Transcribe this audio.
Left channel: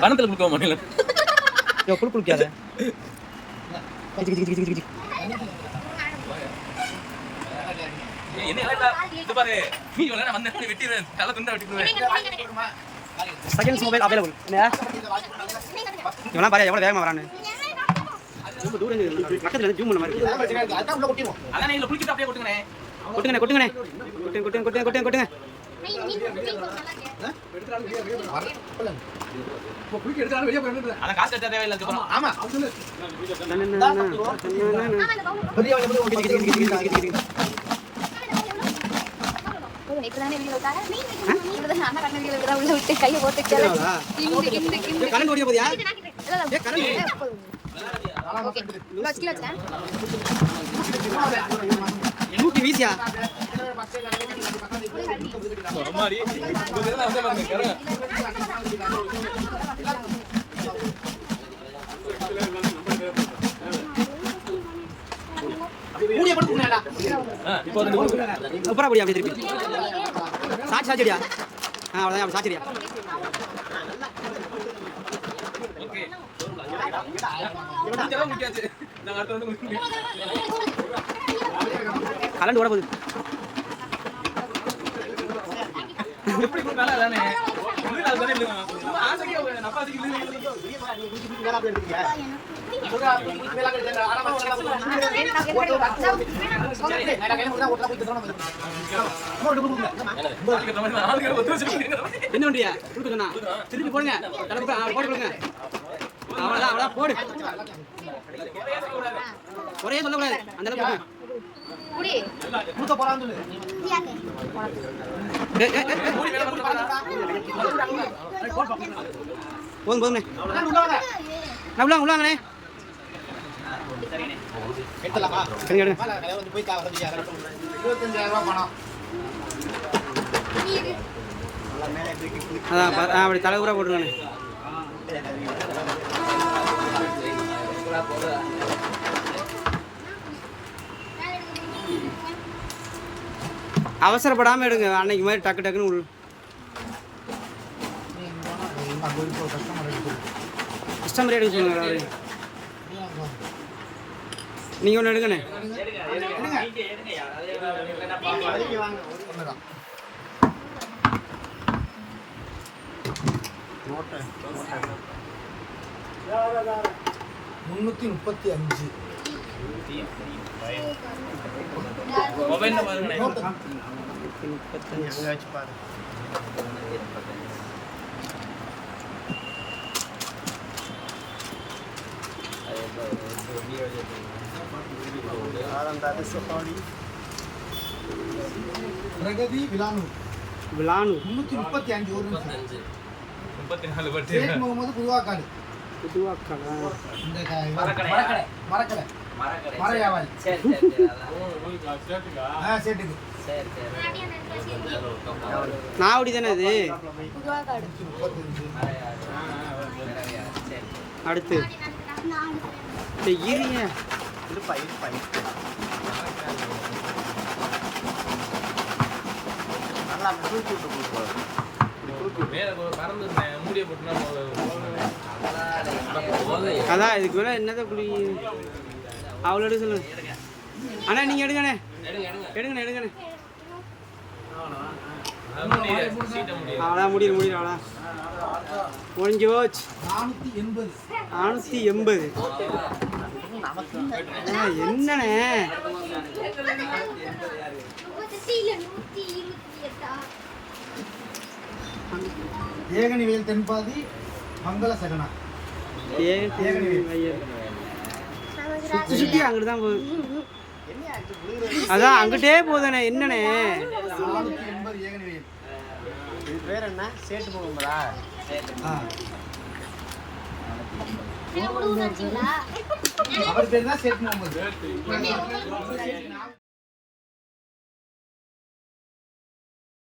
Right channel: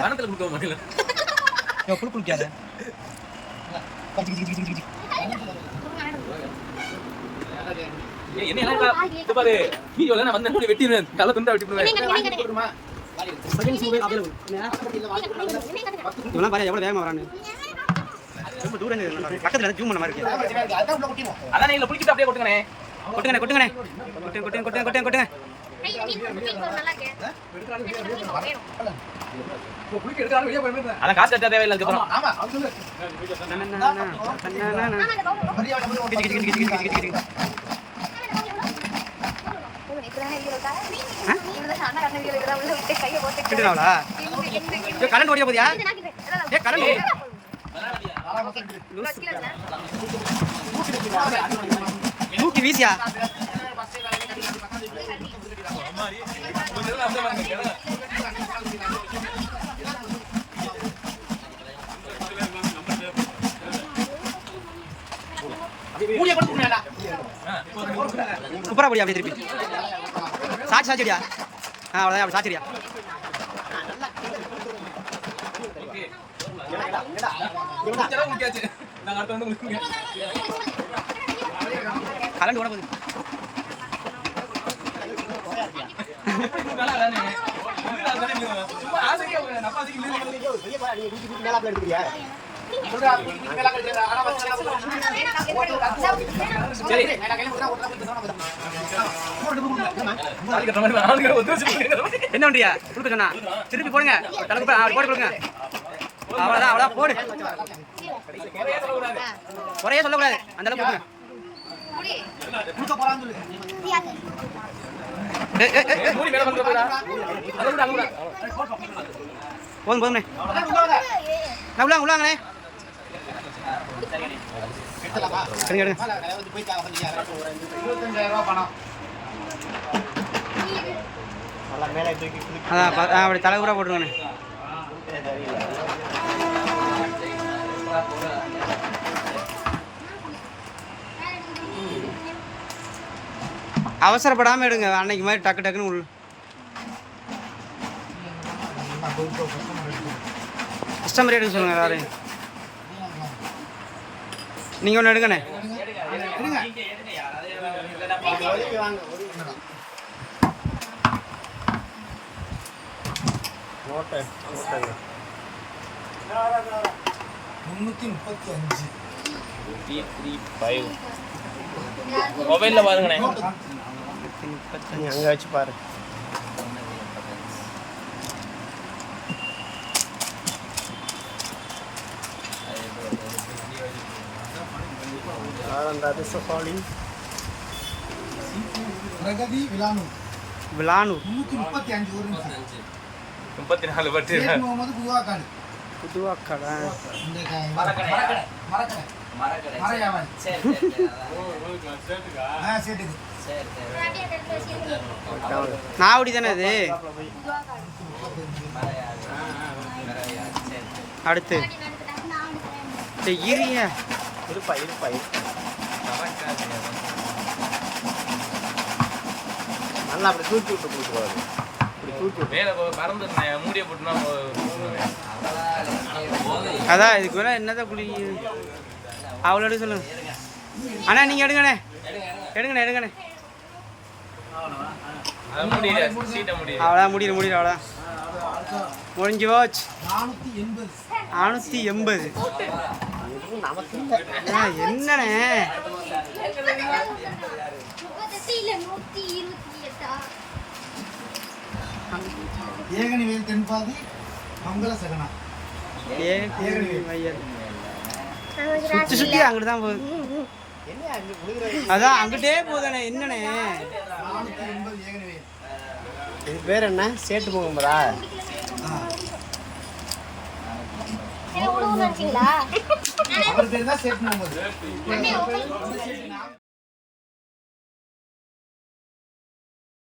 பணத்துல கொடுக்க மாட்டேன். புழு புழுக்காத செகண்ட்ஸ் மொபைல் அவைலபிள். இவெல்லாம் பாரு எவ்வளோ வேகமாக வரான்னு. ரொம்ப தூரம் பக்கத்தில் ஜூம் பண்ண மாதிரி இருக்கு. கொட்டுங்கண்ணே கொட்டுங்கண்ணே கொட்டுங்க கொட்டுங்க கொட்டுங்க கொட்டுங்க. கரண்ட் ஓடிய போதியா? கரண்ட் தூக்கி வீசியா? சூப்பரா போடியா? அப்படி திருப்பி சாச்சிடியா? அவ்வளோதான், அப்படி சாச்சிடியா? கலந்து ஓட போகுது. என்ன பண்றியா? கொடுக்க சொன்னா திருப்பி போடுங்க. போட்டு கொடுங்க. அவ்வளோதான் அவ்வளோதான் போடு. குறைய சொல்லக்கூடாது, அந்த அளவுக்கு கொடுங்க. போதும் போதும்ண்ணே. நான் உள்ளாங்கண்ணே. எடுங்க எடுங்க. அதான் அப்படி தலைவராக போட்டுருங்கண்ணே. அவசரப்படாமல் எடுங்க. அன்னைக்கு மாதிரி டக்கு டக்குன்னு உள்ள கஸ்டமர் எடுக்க சொல்லுங்க. எல்லாரும் நீங்கள் ஒன்று எடுங்கண்ணே. மொபைலில் பாருங்கண்ணே. 35 அங்கே வச்சு பாரு. பிரகதி விலானூர் 335 ஒரு நிமிஷம் 34 பட்டு முகமது புதுவாக்காடு மரக்கடை மர வியாபாரி. சேட்டுக்கு நாவடி தானே இது. அடுத்து இரிய அதான் இதுக்கு மேலே என்னதான் குழி அவ்வளோ எடுக்க சொல்லுங்க. அண்ணா நீங்கள் எடுங்கண்ணே. எடுங்கண்ணே. அவ்வளோதான் முடியல அவ்வளோதான் முடிஞ்சு போச்சு. 480 என்னண்ணே? ஏகனிவேல் தென்பாதி மங்கள சகனா சுற்றி சுற்றி அங்கிட்டு தான் போகுது. அதான் அங்கிட்டே போகுதுண்ணே. என்னண்ணே இது பேர் என்ன? சேட்டு முகமதா? அவர் பேர் தான் சேட்டு முகமது.